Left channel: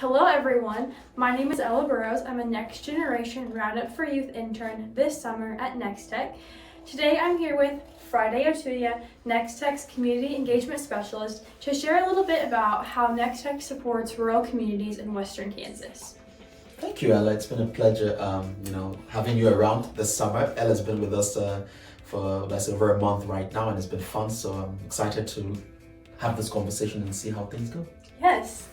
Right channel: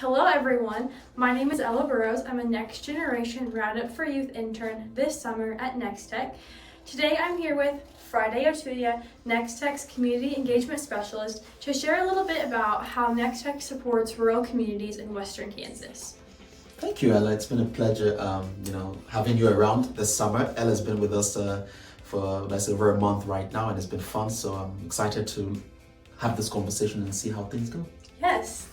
Hello everyone, my name is Ella Burrows. I'm a Next Generation Roundup for Youth intern this summer at Nex-Tech. Today I'm here with Friday Otuya, Nex-Tech's Community Engagement Specialist, to share a little bit about how Nex-Tech supports rural communities in Western Kansas. Thank you, Ella. It's been a pleasure, having you around this summer. Ella's been with us for over a month right now, and it's been fun. So I'm excited to have this conversation and see how things go. Yes.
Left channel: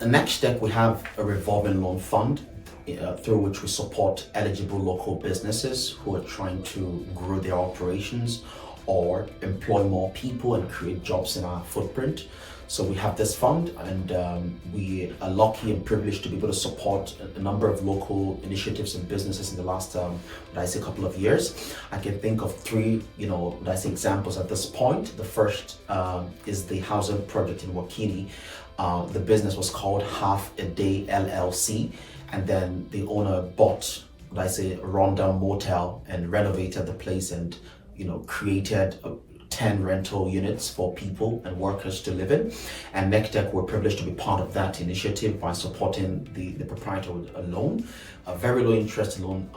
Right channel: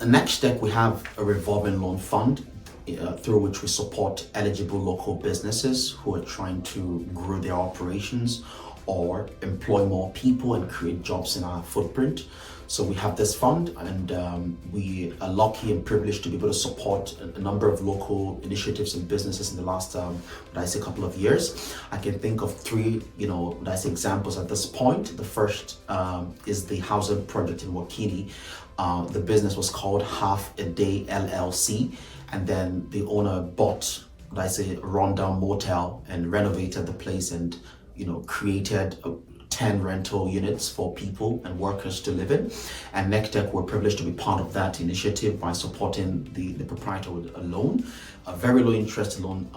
At Nex-Tech, we have a revolving loan fund through which we support eligible local businesses who are trying to grow their operations or employ more people and create jobs in our footprint. So we have this fund, and we are lucky and privileged to be able to support a number of local initiatives and businesses in the last, couple of years. I can think of three, examples at this point. The first is the housing project in Wakini. The business was called Half a Day LLC, and then the owner bought, a rundown motel and renovated the place and, created 10 rental units for people and workers to live in. And Nex-Tech were privileged to be part of that initiative by supporting the proprietor with a loan, a very low interest loan,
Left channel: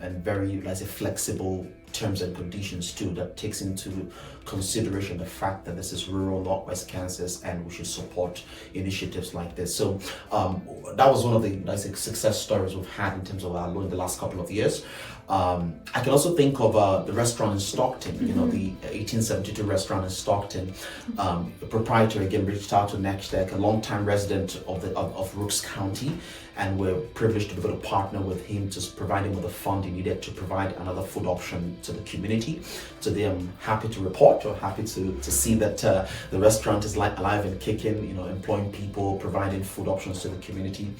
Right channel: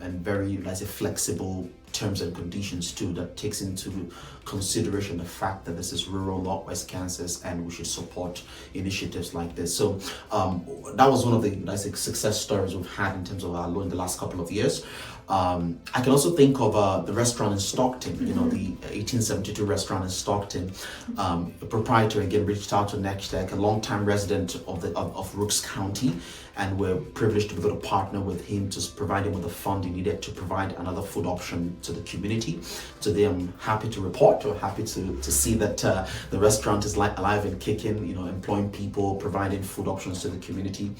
and very, flexible terms and conditions too, that takes into consideration the fact that this is rural Northwest Kansas and we should support initiatives like this. So that was one of the success stories we've had in terms of our loan the last couple of years. I can also think of the restaurant in Stockton, the 1872 restaurant in Stockton. The proprietor again reached out to Nex-Tech, a longtime resident of Rooks County, and we're privileged to be able to partner with him to provide him with the fund he needed to provide another food option to the community. Today I'm happy to report, or happy to see that the restaurant is alive and kicking, employing people, providing food options to the community.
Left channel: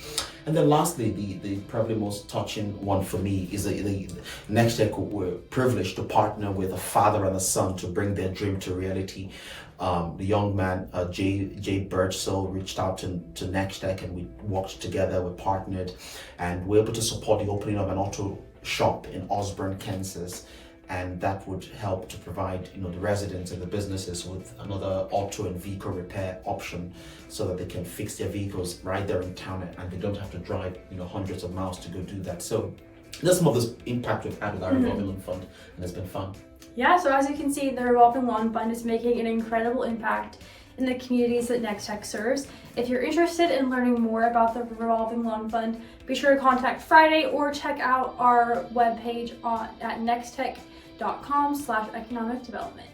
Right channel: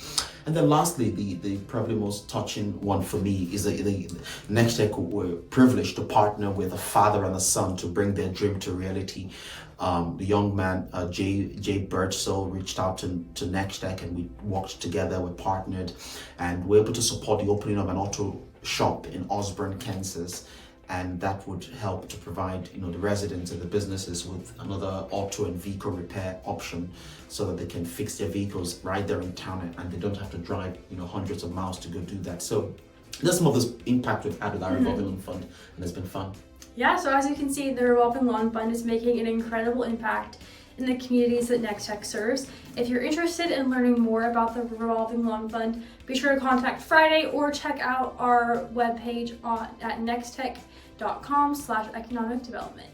And then lastly, the probably most touching one for me is the Nex-Tech were privileged to partner with a father and a son to bring their dream to reality. The young man, Jay Birchsell, reached out to Nex-Tech, and we worked together, we partnered, and we're able to support the opening of an auto shop in Osborne, Kansas. And that would help to provide, the residents and the businesses with another auto and vehicle repair option, so that they can fix their vehicles right there in town, and they don't have to drive, hundreds of miles to go do that. So that's some of this impact we've had with our revolving loan fund, and it's been fun. Yeah, so as you can see, the revolving loan fund is making an incredible impact in the communities that Nex-Tech serves. If you're interested in learning more about the revolving loan fund, be sure to contact Friday or check out our webpage at nextech.com/economic development.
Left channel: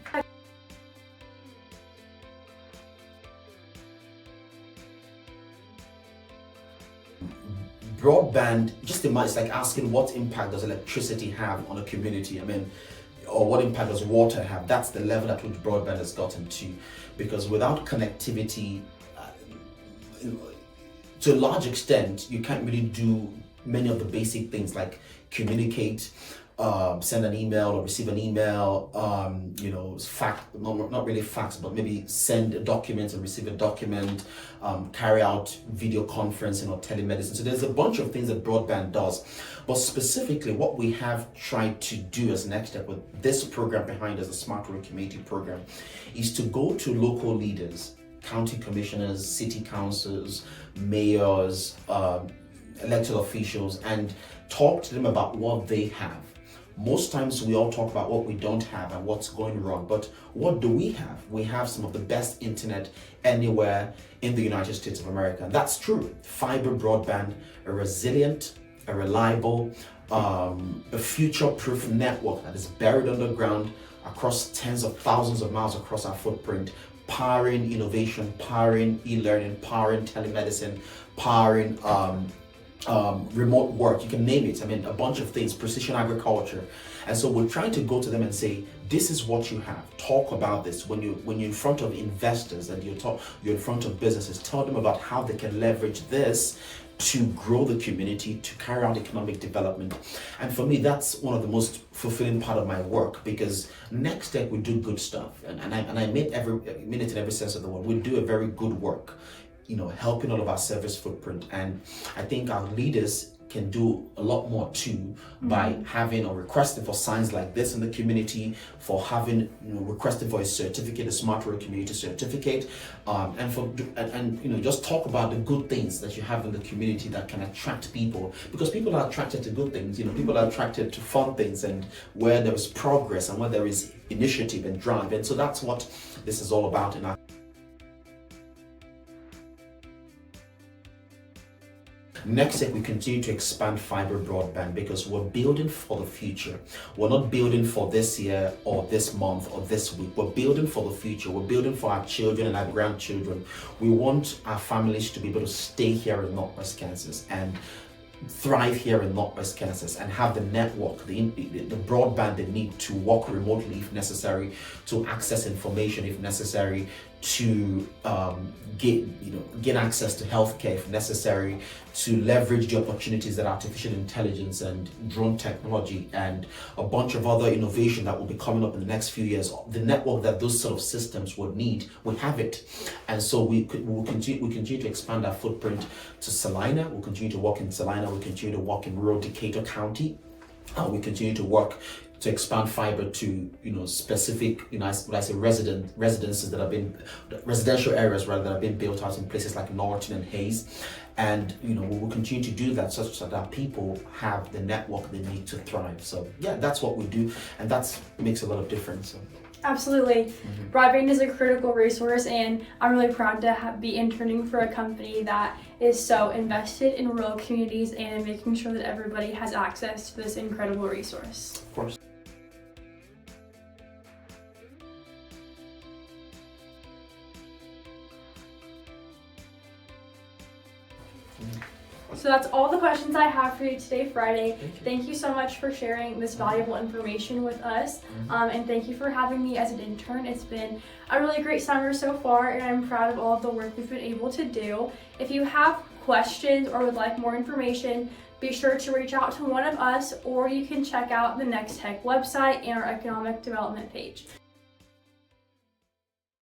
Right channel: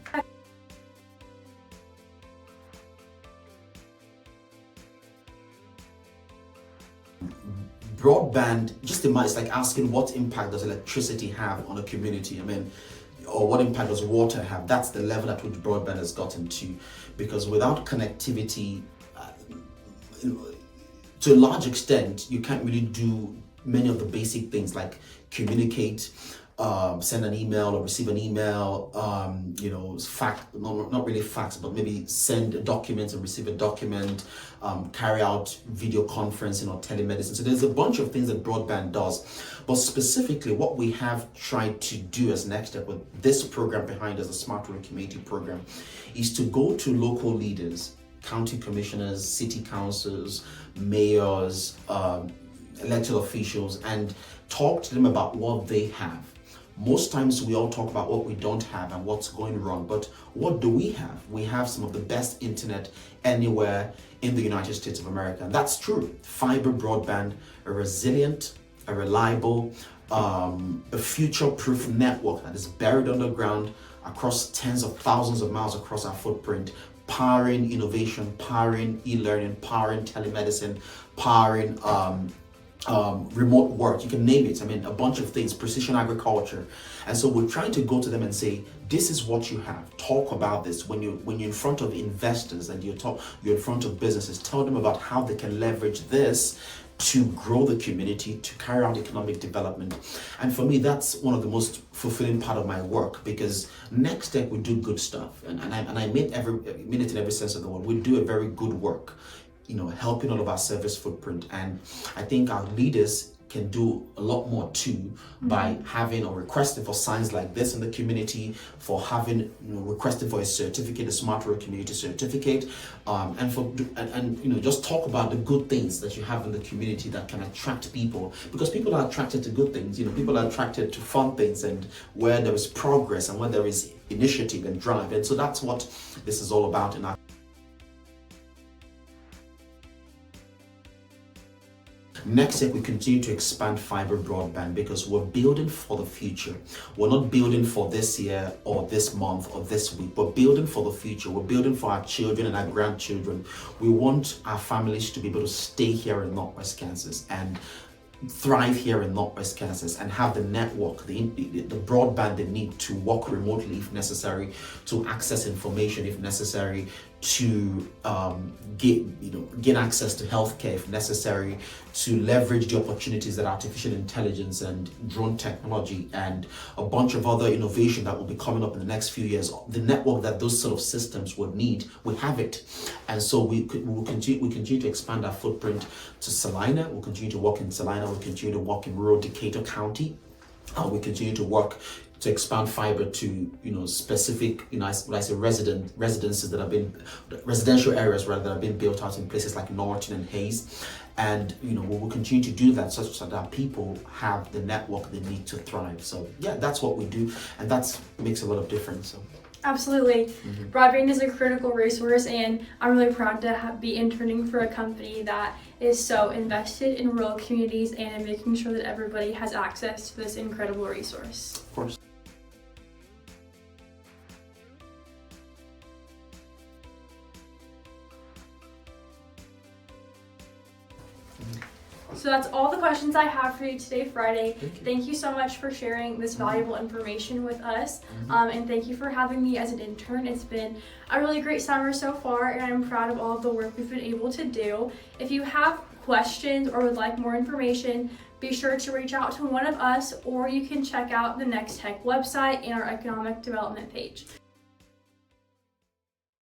Broadband, just it's like asking what impact does electricity have on a community? Or what impact does water have? That's the level at which broadband has gotten to, because without connectivity, to a large extent, you can't really do many of the basic things like communicate, send an email or receive an email, not really fax, but maybe send documents and receive a document, carry out video conferencing or telemedicine. So there's a bunch of things that broadband does. But specifically, what we have tried to do as Nex-Tech with this program behind us, the Smart Rural Community Program, is to go to local leaders, county commissioners, city councils, mayors, elected officials, and talk to them about what they have. Most times we all talk about what we don't have and what's going wrong, but what do we have? We have some of the best internet anywhere in the United States of America, and that's true. Fiber broadband, a resilient, a reliable, a future-proof network that is buried underground across tens of thousands of miles across our footprint, powering innovation, powering e-learning, powering telemedicine, powering remote work, you can name it. A bunch of things, precision agriculture. And so we're trying to go to them and say, this is what you have. Talk about this. When you're in front of investors and you're in front of businesses, tell them about how they can leverage this to grow the community, to carry out economic development. And for me, that's one of the most fulfilling part of my work, because Nex-Tech, we do good stuff. And I mean it in every sense of the word. We do a very good work, helping all of our service footprint. And I think our leaders can do a lot more too by having or requesting for signs like this in the community, for having, requesting for a certificate, a smart road community certificate, and just talk about the good things that you have in the community that can attract people, because people are attracted to good things. People are attracted to fun things, and where there is progress and where there is initiative and drive, and so that's what this is all about in our Nex-Tech. We continue to expand fiber broadband because we're building for the future. We're not building for this year or this month or this week. We're building for the future. We're building for our children and our grandchildren. We want our families to be able to stay here in Northwest Kansas and thrive here in Northwest Kansas and have the network, the broadband they need to work remotely if necessary, to access information if necessary, to gain access to healthcare if necessary, to leverage the opportunities that artificial intelligence and drone technology and a bunch of other innovation that will be coming up in the next few years. The network that those sort of systems would need, we have it, and so we continue to expand our footprint to Salina. We'll continue to work in Salina. We'll continue to work in rural Decatur County. We continue to work to expand fiber to specific residences that have been residential areas rather that have been built out in places like Norton and Hayes, and we will continue to do that such that people have the network they need to thrive. So yeah, that's what we do, and that makes a lot of difference. So. Absolutely. Broadband is a critical resource, and I'm really proud to be interning for a company that is so invested in rural communities and in making sure that everybody has access to this incredible resource. Of course. So that's all the questions I have for you today, Friday. Thank you so much for sharing this valuable information with us. And thank you for having me as an intern. It's been a really great summer so far, and I'm proud of all of the work we've been able to do. If you have questions or would like more information, be sure to reach out to one of us, or you can check out the Nex-Tech website and our economic development page.